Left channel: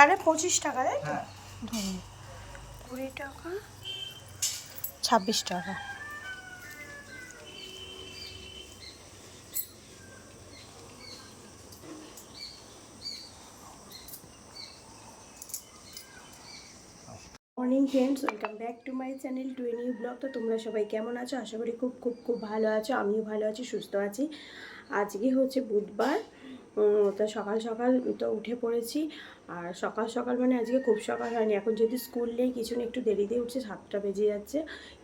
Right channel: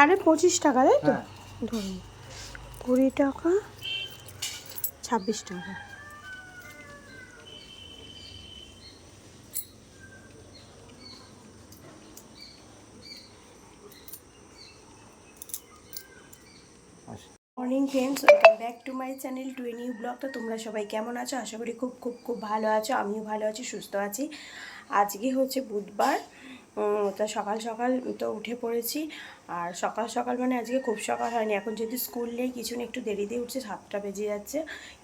তাহলে 25 টাকা, তাই তো? ধরুন 20 টাকা, 26 টাকা। Morning friends, welcome back to my channel to a new blog. তো তোমরা সবাই কেমন আছো? আশা করি খুব খুব খুব ভালো আছো। আমিও ভালো আছি, সুস্থ আছি। আজকে হচ্ছে বুধবার। তো সকাল সকাল তো উঠে পড়েছি। আর সকাল সকাল মানে আজকে খুব সকাল হয়নি, এখন যদি স্কুল নেই কিছু না, একটু দেরিতে উঠছে, 7টা বেজে যাচ্ছে।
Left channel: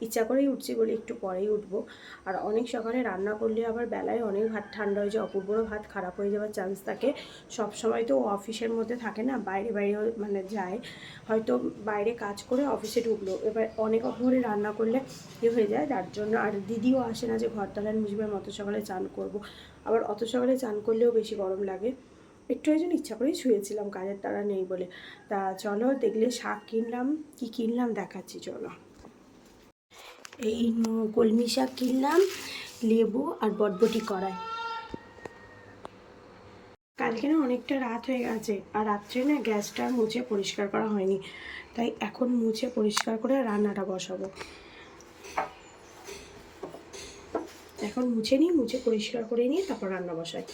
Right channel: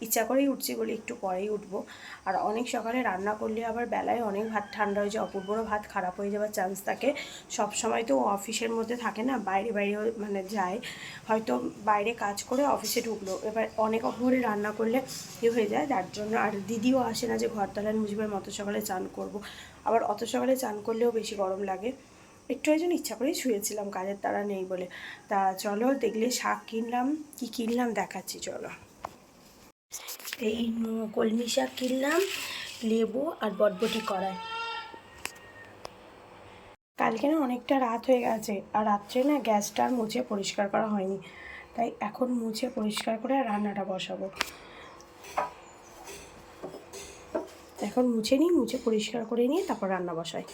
ইচ্ছা করেই উঠছি বলে একটু পরেই উঠবো। আর অনেক সকালে রান্না করলে আবার বেলায় অনেক ভাত ঠান্ডা হয়ে যায়, অপূর্বরও ভাত খারাপ হয়ে যাওয়ার চান্স থাকে। সব সময় তো অফিসের মধ্যে থাকে না, বাইরে বাইরে মানে যায়, হয়তো বাইরে কাজ করে অফিসে ঢুকলো, এবার অনেক ভোরে রান্না করলে হয়ে যায়, যার জন্য। আর দিদিও আসে না যে ঘর তলায় মুছবে, অত সকালে চান করব। আবার অত সকালে চান করলেও বেশি গরম লাগে, একটু ওই জন্য ইচ্ছা করেই শুয়েছিলাম, কাজের তাড়া নেই বলে। তা চলো, দেখলে শাক কিনলাম, কি কিনলাম দেখাচ্ছি চলো। এই কলমি শাক কিনলাম, লেবু আর বটবটি কড়াই। কালকে না অনেকটা রাত হয়ে গেছে, আর রাত্রে না গ্যাসটা আর মুছে পরিষ্কার করা হয়নি, তাই এখন মুছে পরিষ্কার করে রান্নাটা বসাবো। এখন মুছে নিই, মুছে পরিষ্কার করে নিয়ে তারপর রান্না বসাই।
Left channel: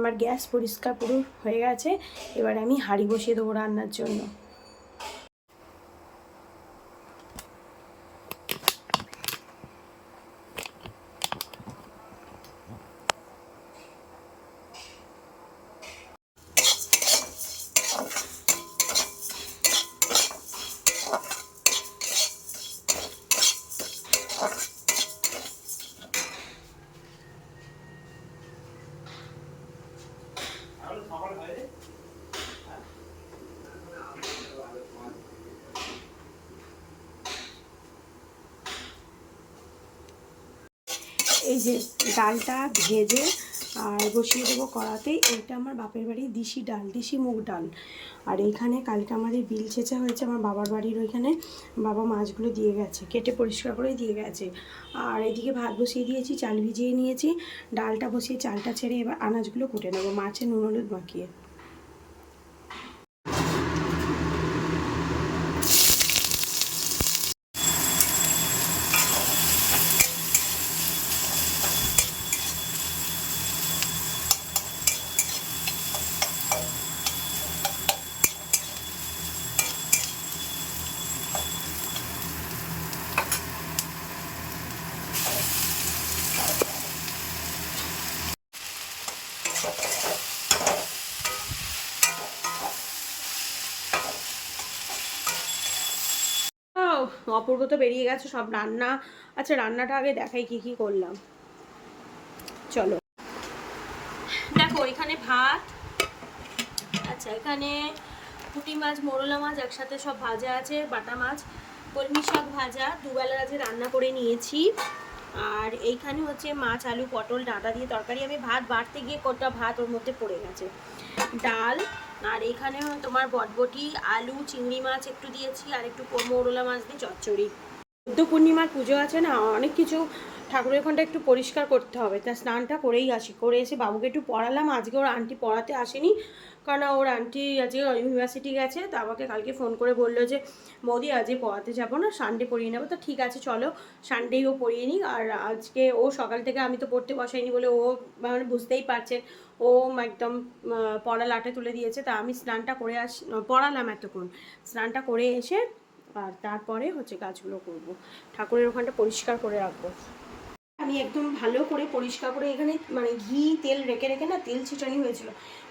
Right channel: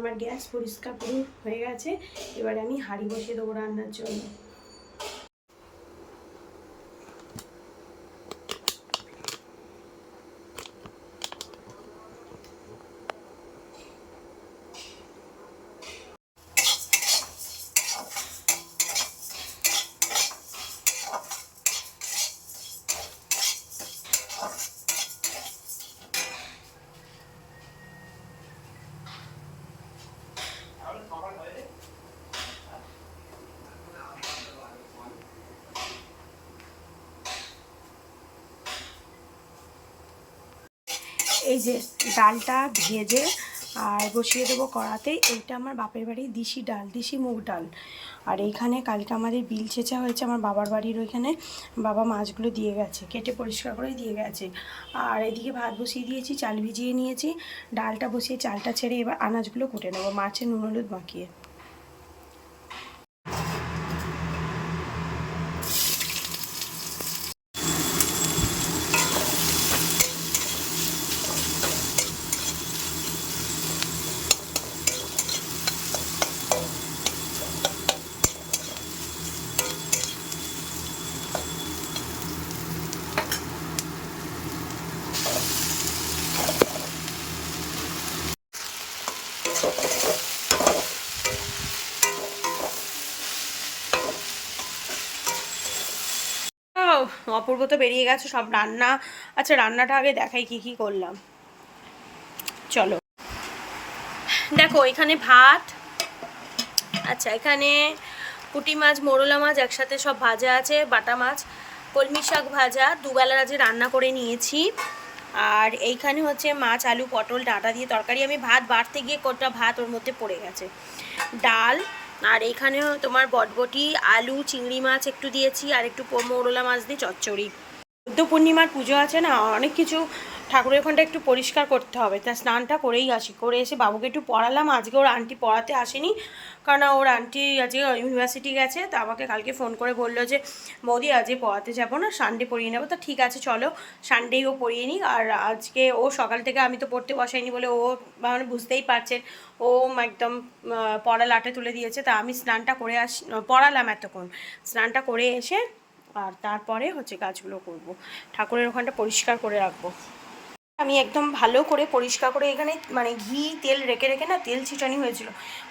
আমার গ্যাস পরিষ্কার পুরো হয়ে গেছে, এবার আমি হাঁড়ি বসিয়ে দেবো রান্নার জন্য। এই যে ডালটা ভেজে আর বসিয়ে দেবো কড়াতে। এইটা আমার বাপের বাড়ির দিশি ডাল, দিশি মুগ ডাল। আর এইখানে কালকে আমাদের বিল ছেঁচা হয়েছে আমার বাবার বাড়ির ওইখানে, বাবা মাছগুলো দিয়ে গেছে, কেটে পরিষ্কার করে দিয়ে গেছে। আর এদিকে ভাত বসিয়ে দিয়েছি, চাল ভিজিয়ে নিয়েছি, ডালটা বসিয়ে চালটা ছেড়ে এবার আনাজগুলো কুটে নেবো, মাছে নুন হলুদ মাখিয়ে। অপূর্ব তো বেরিয়ে গেছে সব রান্না। আচ্ছা, রান্নাটা আগে দেখাই কি কি করলাম, চলো দেখো। এখানে ভাত, আচ্ছা এখানে পুঁটি মাছ, মোরলা মাছ একসাথে সব ভাজা আছে, বাটা মাছ, কলমি শাক ভাজা, দুবেলার আজকে রান্না করে নিয়েছি। আর এইখানে হচ্ছে মাছ, আলু, পটল, ডাঁটা দিয়ে তরকারি। আমি ভাত বাড়তে গিয়ে কোটা ভাত ওর মধ্যে পড়ে গেছে, ডাল। আর এখানেও তোমার বটবটি, আলু, চিংড়ি মাছ একটু দিয়েছি, আর একটু মোরলা মাছ দিয়ে চচ্চড়ি। বুদ্ধ পূর্ণিমার পুজো আছে না, অনেক কিছু ঠাকুরের ওখানটা একটু পরিষ্কার করতে হবে, তা স্নানটা করেই আসি। করে এসে বাবুকে একটু পড়ালাম। আজকে ওর আন্টি পড়াতে আসেনি, কারণ ওর আন্টি আজকে ইউনিভার্সিটি গেছে। তা আমাকে কালকে ফোন করে বললো যে বৌদি আজকে পড়াতে যাবো না, সানডে পড়িয়ে নেবো। তা ঠিক আছে চলো, সানডেই ও পড়িয়ে নিক। আর আজকে ও সকাল থেকে, আমি তো পড়তে বসাইনি বলে ও মানে বুঝতেই পারছেন, ও একদম পড়া লাটে তুলে দিয়েছে। তা আমি স্নানটা করে পড়ালাম এতক্ষণ, স্নানটা করে এসে আর তারপরে হচ্ছে কাজগুলো করব, ঠাকুরের ওখানটা পরিষ্কার করে রাখবো। আমি একদম ভালো করে পরিষ্কার করে, এখানে মানে ঘি তেল রেখে রেখে না তেল ছিটানি হয়েছিল,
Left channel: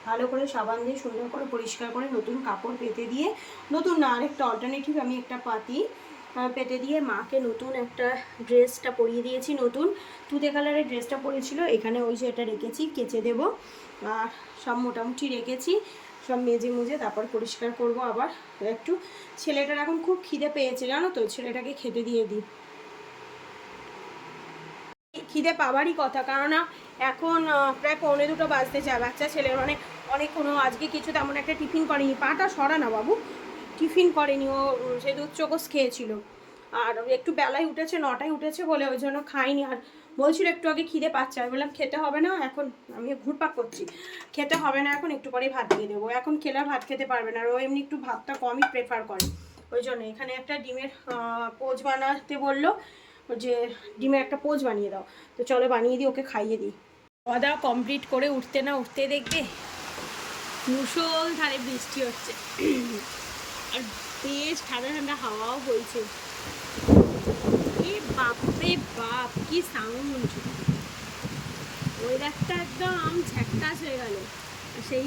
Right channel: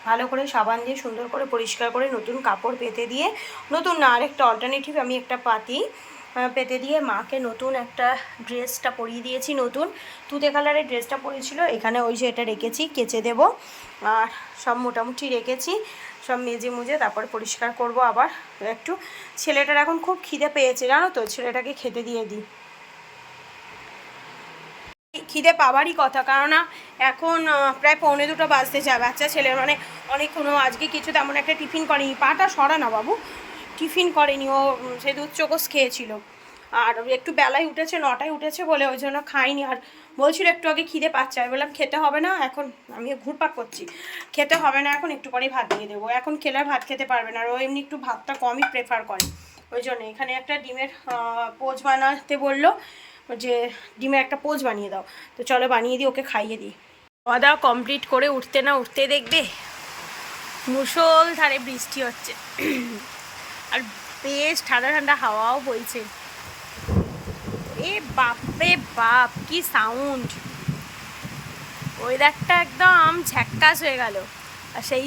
ভালো করে সাবান দিয়ে সুন্দর করে পরিষ্কার করে নতুন কাপড় পেতে দিয়ে, নতুন না আরেকটা অল্টারনেটিভ আমি একটা পাতি পেতে দিয়ে মাকে নতুন একটা ড্রেসটা পরিয়ে দিয়েছি, নতুন তুতে কালারের ড্রেসটা পরেছিল, এখানে ওই যে এটা রেখেছি, কেচে দেব। আর সব মোটামুটি রেখেছি, সব মেজে মুজে তারপর পরিষ্কার করব আবার একটু। ছেলেটার এখন খুব খিদে পেয়েছে জানো তো, ছেলেটাকে খেতে দিয়ে দিই। খিদে পাওয়ারই কথা, কেননা এখন প্রায় 1:45 বাজতে যায়, বাচ্চা ছেলের মানে অনেকক্ষণও আজকে কিছু তেমন একটা টিফিন করেনি, পাটা সরা না বাবু, টিফিন করেনি ও, সে দুধ চোকস খেয়েছিল। আর একটু বেলায় উঠেছে, 9টায় উঠেছে বলে ওই জন্য খাইনি। আর বলছিল একটু আগে খিদে পাচ্ছে, আমি বললাম খেতে হবে না এখন, আমি ঘুরপাক করছি, খেতে হবে না এখন, একটু পরেই ভাত দিয়ে দেবো, এখন খেলে ভাত খেতে পারবে না। আর ও এমনি একটু ভাতটা কমই প্রেফার করে, ওই জন্য এখানে একটা ডিমের পোচ বানাতে বললো, যে ডিমের একটা পোচ বানিয়ে দাও, তো চলো বানিয়ে দিই, ওকে খাইয়ে দিই। খাওয়া দাওয়া কমপ্লিট করে উঠতে না উঠতে দেখবে মুষলধারে বৃষ্টি হচ্ছে, আর বেশ ঠান্ডা ঠান্ডা হাওয়াও বইছে। এ বাপরে বাপ কি সাউন্ড, ওয়েদারটা একদম ঝ্যাক্কাস হয়ে গেল। আর সেই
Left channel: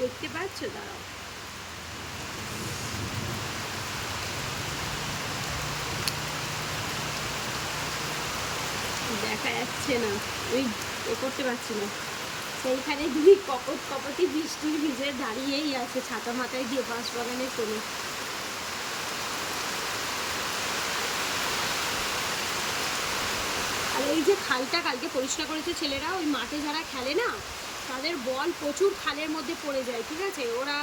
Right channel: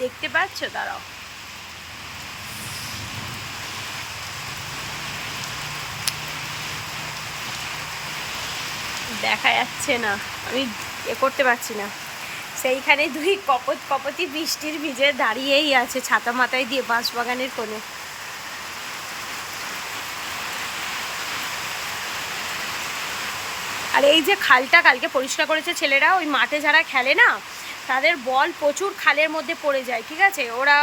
দেখতে পাচ্ছ, দাঁড়াও দেখা যাচ্ছে না, আমি করতে পারছি না, সেইখানে দুই কপতি বৃষ্টির ভিজে দাঁড়িয়েই আছে ছাতা মাথায় দিয়ে বাঁশবাগানের কোণে। আর এই যে খালটা কালকে পরিষ্কার করেছে ছেলেরা, ওই মাঠে যারা খেলে না তাদের বল প্রচুর খালের মধ্যে পড়ে যায়, ঠিক আছে। ওরা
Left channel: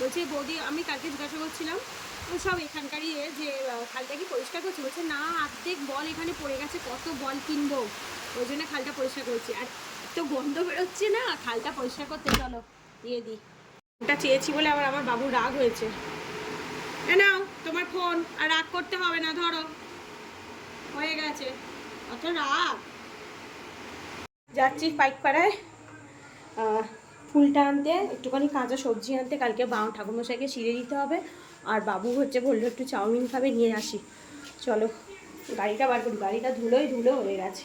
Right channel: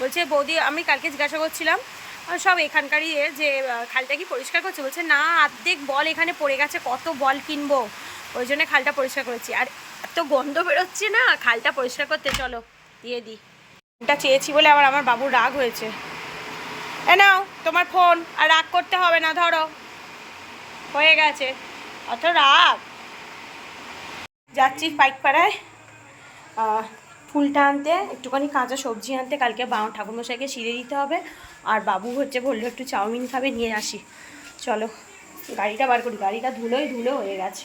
বলছে বৌদি, আমি কালকে জিজ্ঞাসা করছিলাম সব এখানকারই যে খালটা কি পরিষ্কার করছে, বলছে না অর্ধেক বল এখানে পড়ে গেছে, কত বল কিনবো, ওই জন্য খালটা পরিষ্কার করেছি। আর এত গন্ধ বেরোচ্ছে না খালটা পরিষ্কার করতে, চলো দিয়ে দিই। ফোনটা চেয়েছি বলে আবার আমার বাবুর রাগ হয়েছে। এ নাও তোমার ফোন, আর রাগ করতে হবে না, ধরো হয়ে গেছে, অত রাগ। যাচ্ছি পাইকপাড়ায় ফুলটা আনতে, একটুখানি কাঁচা সবজি আনতে, কালকে ঠাকুরমশাইকে সিঁড়ে দিতে হবে। আর বাবু হচ্ছে বললো একটু চাউমিন খাবে, নিয়ে আসি, চলো গাড়িটা বার করি, গাড়িটা ধুলোই ধুলো হয়ে গেছে।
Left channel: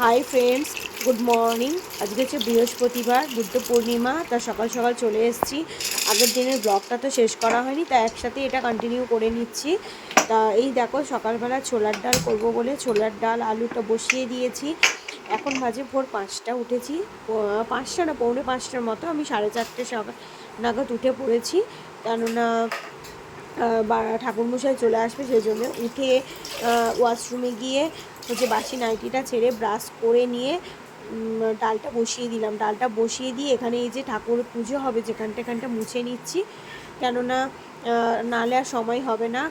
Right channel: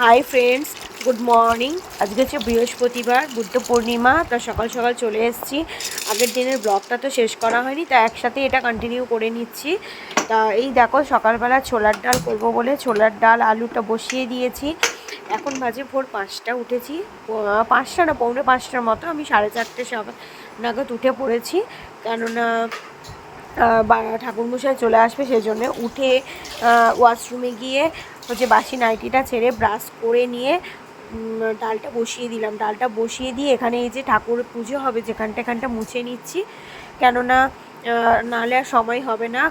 Hi friends, good morning. আজকে হচ্ছে বৃহস্পতিবার, বুদ্ধ পূর্ণিমা, তা সকাল সকাল চলে এসেছি। আগের দিনের ব্লগটা তো শেষ করা হয়নি, তা একসাথে এটা কন্টিনিউ করে নিচ্ছি। তা এই দেখো সকালবেলা ছোলার ডাল করব বলে ছোলার ডাল আলুটা বসিয়ে দিয়েছি। এখন বাজে ভোর 5টা, উঠেছি 5টা না 4:45টার মতো, আমি 4:30 সকাল নাগাদ উঠে পড়েছি, কেননা ঠাকুরমশাই চলে আসবে, সেই জন্য উঠে ওয়াশরুমে গিয়ে হচ্ছে বাসি নাইটিটা ছেড়ে ব্রাশ করে নিয়ে ডালটা বসিয়ে দিলাম। ডালটা বসিয়ে দিয়ে এখানে এই যে ঠাকুর পুজো হবে যেখানটা মুছে নিচ্ছি, কেননা নাহলে আর সময় হবে না।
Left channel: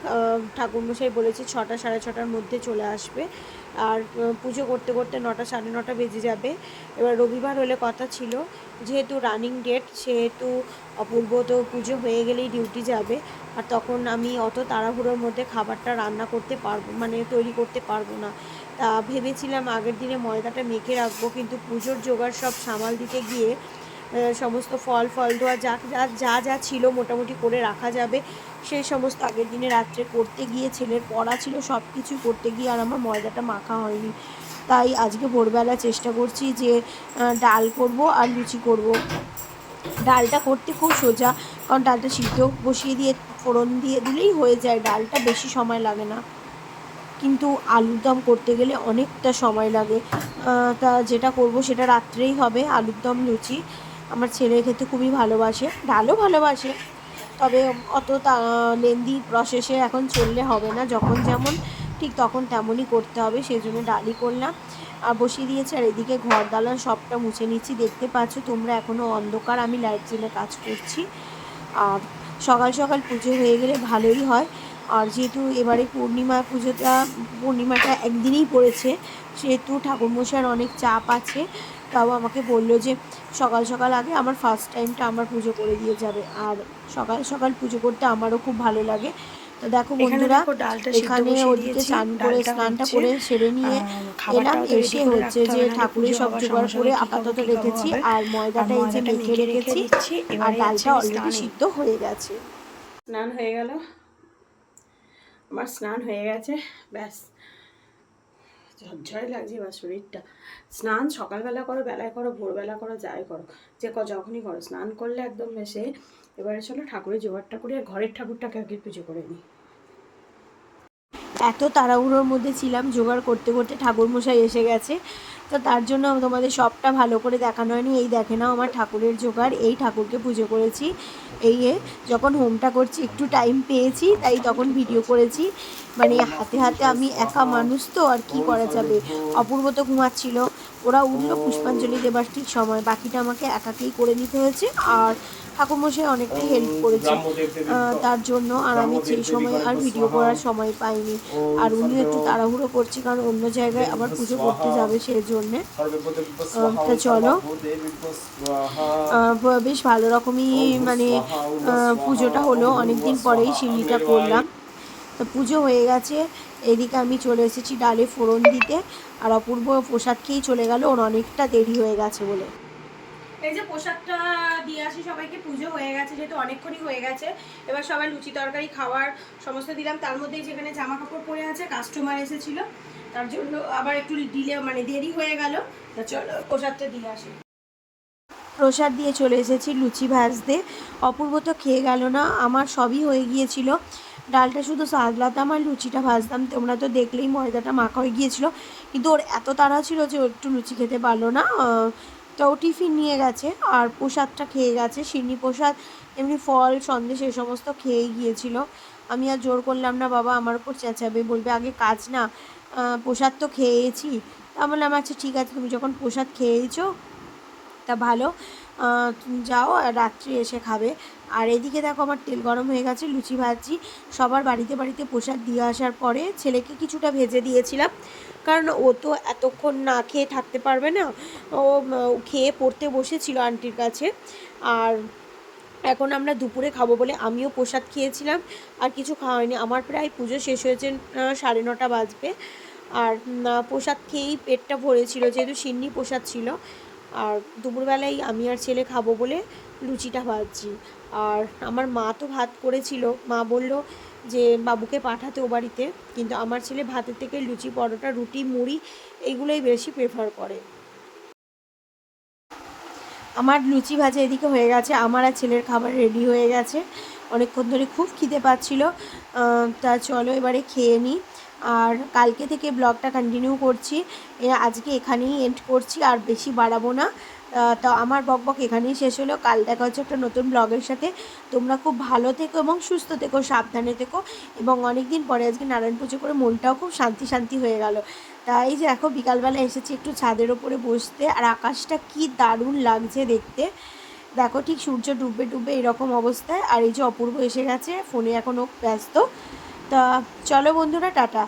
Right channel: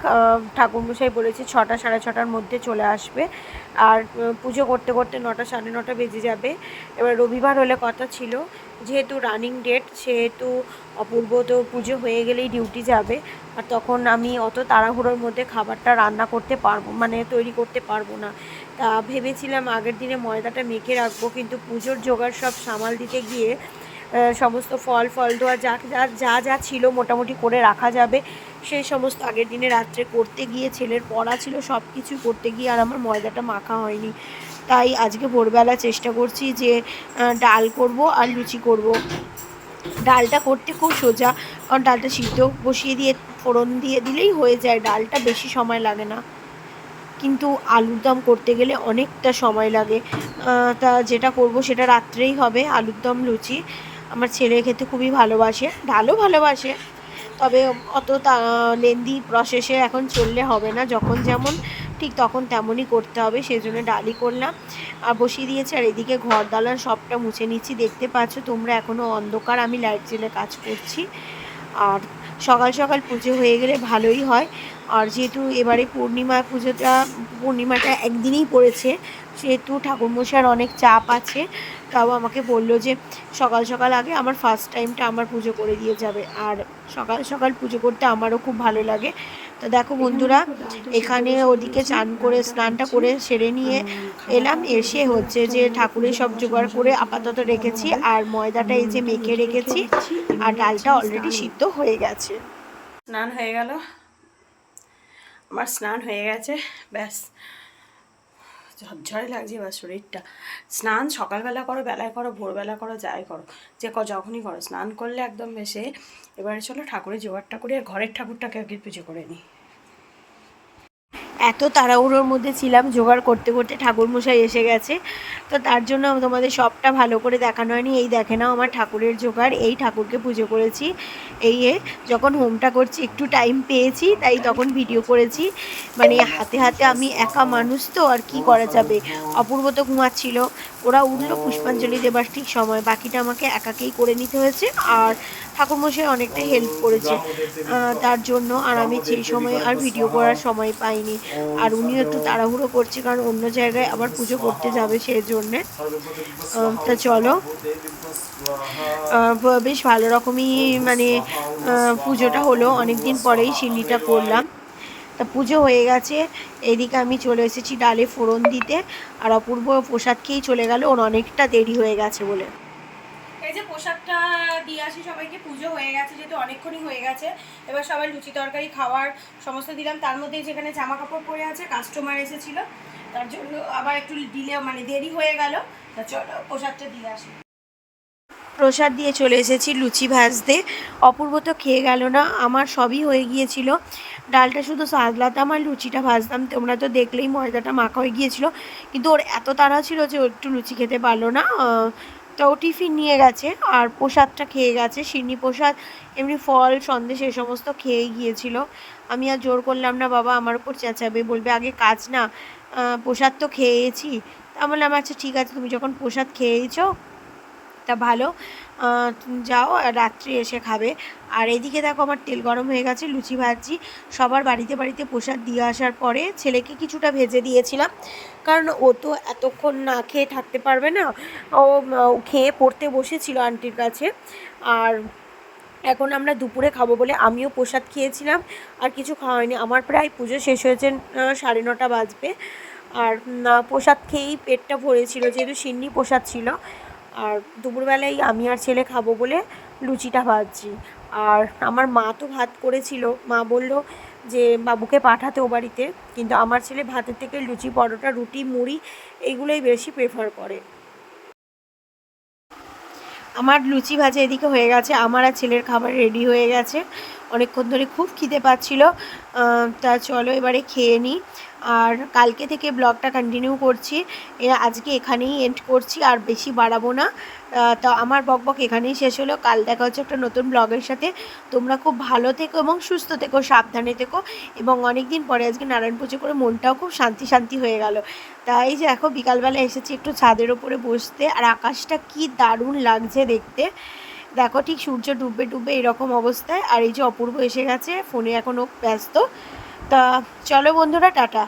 ঠাকুরমশাই বলেছে 6টা 6:30টার মধ্যে চলে আসবে, আর পুজো করতে করতে 9টা 9:30 বেজে যাবে। এবার রবিবার হলে কথা ছিল, যেহেতু রানিং ডেট, সেহেতু অপূর্ব তো পুজো হয়ে গেলেই ডিউটি যাবে, আর তখন আমি অত তাড়াহুড়োর মধ্যে খাবারটা রান্না করতে পারবো, মানে তৈরি করতে পারবো না। তা ভেবেছিলাম আগের দিনে ময়দাটা মেখে রাখবো, কিন্তু পুজোর জোগাড় সব সামাল দিতে গিয়ে সমস্ত ফল ধোয়া যা যা ছিল মোটামুটি করে রাখা যাবে, সেই সমস্ত আগের দিনে রাত্রে করতে গিয়ে, ছেলের পড়া ছিল, সব কিছু করতে গিয়ে আর আমার ময়দাটা মাখা হয়নি। তাই আজকে ভোরবেলা চেষ্টা করছি যে ডাল করব আর লুচি করব। ডালটা করতে খুব সোজা, কারণ ডালটা সিদ্ধ বসিয়ে দিয়ে ফোড়ন দিয়ে দিলেই হয়ে যায়, ডালটা বেশি সময় লাগে না। কিন্তু আলুর দম করতে গেলে অনেকটা সময় লাগে। তা যেটা করব সেটা রাত্রেই হবে, আলুর দম লুচি। আমার ছেলে খেতে খুবই ভালোবাসে, ডালও ভালোবাসে, তবে অত লেন্দি প্রসেসে এখন চললে হবে না, যখন যেমন ঠিক তখন তেমনই করতে হবে, সেই জন্য ডালই করলাম আর বসিয়ে দিয়েছি। আর এদিকে ঘর দালান সবটা মুছে নিচ্ছি, দেখতে পাচ্ছ তোমরা এখনও অন্ধকার, আমি লাইট জ্বেলে কাজ করছি। আর সকাল সকাল পুজো হয়ে গেলে ভালোই হয়। আর যেহেতু এবারে পূর্ণিমাটা একদিনই পড়েছে, সেহেতু ঠাকুরমশাইয়ের অনেক চাপ আছে, তাও আমাকে বললো যে সকাল সকাল আগে আমার ফার্স্ট টাইমটা আমার পুজো করে দিয়ে যাবে। আর সকাল সকাল পুজো করতে আমারও খুব ভালো লাগে, তো তো দেখো বন্ধুরা, ডালটা এখানে ওদিকে চান করে স্নানটা করে সেরে নিয়ে এলাম। এসে হচ্ছে যে ঠাকুরের সব জোগাড় করে আপাতত রেখেছি, আর ময়দাটা এই যে মেখে রেখেছি, আর ডালটা অলরেডি সিদ্ধ হয়ে গেছে। স্নান হয়ে গেল, আমার স্নান হয়ে গেছে, ব্যাস ঝরঝরে লাগছে এবার শরীরটা। স্নান সকালবেলা করো, বেলায় করো, ভোরবেলা করো, যাই করো, যে যখনই করো, স্নান করলে একদম বেশি। এবারে চলো ঠাকুরের জোগাড়টা করি, আর ঘরের ঠাকুরটাকে আগে পুজো করে নিই। এত তাড়াহুড়োর মধ্যে ছিলাম, জোগাড় করতে করতে ঠাকুরমশাই এসে গেছে, তো তার জন্য তোমাদের সবটা ভালো করে দেখানো হয়নি। এই দেখে নাও আমার ঠাকুরের জোগাড়, এই ঠাকুরকে পুজো করেছি। এই যখন হোমটা করছি একটু টাইম পেয়েছি, তাই তখন ভিডিও করেছি। মানে হাতে হাতে আমি একা মানুষ তো, আর কি করা যাবে। অপূর্ব তো ঘুমাচ্ছিল, ওরা উঠলো পুষ্পাঞ্জলি দেবার ঠিক সময়, বাকিটা আমাকে একাকেই করে নিতে হয়েছে। আর ঠাকুরমশাই অনেকটাই হেল্প করেছে তার জন্য, আর আমি সেই সময় আর ভিডিও করার সময় পাইনি। আর উনিও একটু তাড়াহুড়ো করছে, কারণ অন্য জায়গায় আবার পুজো করতে যাবে সেই জন্যে। তা চলো, বেশ ভালো রকমই মানে পুজোটা হলো, অনেক দিন পরেই সিন্নিটা করলাম। তা পুজো হয়ে গেছে, এদিকে আমি চলে এসেছি ডালে ফোড়ন দিতে, আর অপূর্ব প্রসাদ খেয়েই চলে গেল, ওর অনেকটা দেরি হয়ে গেছে বলে। এই যে প্রসাদটা দিয়ে আসি সবাইকে, পুজো হয়ে গেছে যেহেতু, অনেকক্ষণই হয়ে গেছে। এবার সবাই লুচি তরকারি খাওয়ার সমস্ত দিলাম, তার মধ্যে যেখানে জামা কাপড় পরে আছে, কাস্টমার এসেছিলো, তার জন্য আবার একটু ডিলে মানে দেরি হয়ে গেল। তা চলো প্রসাদটা দিয়ে আসি। প্রসাদ দিয়ে চলে এসেছি লুচি ভাজতে। অপূর্ব তো খেয়ে গেল না, আমার সবই হয়ে গিয়েছিল। ডালটা শুধু সাজলাতাম আর লুচিটা ভাজতাম, তোমরা তো দেখলেই ময়দাটা মাখা হয়ে গিয়েছিল। কিন্তু ওর এত তাড়া ছিল যে ও একটু লুচি খেতে পারলো না, তো ও টিফিন নিয়ে গেছে, আর প্রসাদটা খেয়ে গেছে। সিন্নি প্রসাদ, এমনি ফল সন্দেশ এ সমস্ত খেয়েই গিয়েছিল। আমি আর জোর করলাম না, বাবা আমার উপর চেঁচাবে, বলবে আগে কাজ না, প্রসাদ তো খেয়েছি। তা বললাম আচ্ছা ঠিক আছে, তুমি যখন প্রসাদ খেয়েছো তা ভালো, তুমি যাও, রাত্রে এসে খাবে। আর এদিকে দেখো আমার তেল গরম হয়ে গেছে, লুচি ভাজছি। সবার বাড়িতে বাড়িতে প্রসাদ দিয়ে আসার পরে ছেলেকে কিছুটা ভেজে দিয়েছিলাম, কারণ ও তো এতক্ষণ না খেয়ে থাকতে পারবে না। ও খেয়ে পড়তে বসেছিল আন্টির কাছে। আর এখন আমরা দুপুরে খাবো বলে আমিও প্রসাদ খেয়েছিলাম, আর কিছু খাওয়া হয়নি। আমার প্রায় পুজো শেষ হয়েছে 9:30 বাজবে, আর প্রসাদ খেয়েই পেটটা ভরেছিল, যেহেতু সিন্নি প্রসাদ ছিল। আর দুপুরবেলায় আমি আর ছেলে খাবো বলে লুচিটা ভাজছি। আর আমার মা তো ভাত করেছিল, মা বলল যে বাবুকে পাঠাতে ও বাড়িতে, কিন্তু আমার ছেলে ভাতের থেকে লুচি, পরোটা, রুটি, মুড়ি এইগুলোই বেশি প্রেফার করে। আমার লুচি ভাজা এদিকে হয়ে গেছে, আমার আর ছেলের খাবার রেডি হয়ে গেছে। অনেকক্ষণ ধরে খুব খিদে পাচ্ছিল, তা চলো এবারে খেয়ে নিই। আর কালকে থেকে ব্লগটা কন্টিনিউ করছি, আজকে এখানেই এন্ড করছি, আর বেশি বাড়াবো না। তা আমার বকবক এখানেই শেষ হলো, কাল দেখা হচ্ছে একটা নতুন ব্লগের সাথে। তোমরা খুব ভালো থেকো এবং সুস্থ থেকো, সাবধানে থেকো। এবং অনেক দিন পরে আজকে নারায়ণ পুজো করে মনটাও খুব শান্তি শান্তি হয়ে গেল। তাই যে এখন বিকালবেলা এসেছি একটু ছাদের ওপরে বসতে, আর আকাশটা কি দারুণ লাগছে দেখতে। দেখো ঠিক সূর্য ডুববে ডুববে এরকম অবস্থায়, আর এই যে অপূর্ব এসে গেছে, ফোনে এখনও ব্যস্ত। তা চলো বন্ধুরা, টাটা।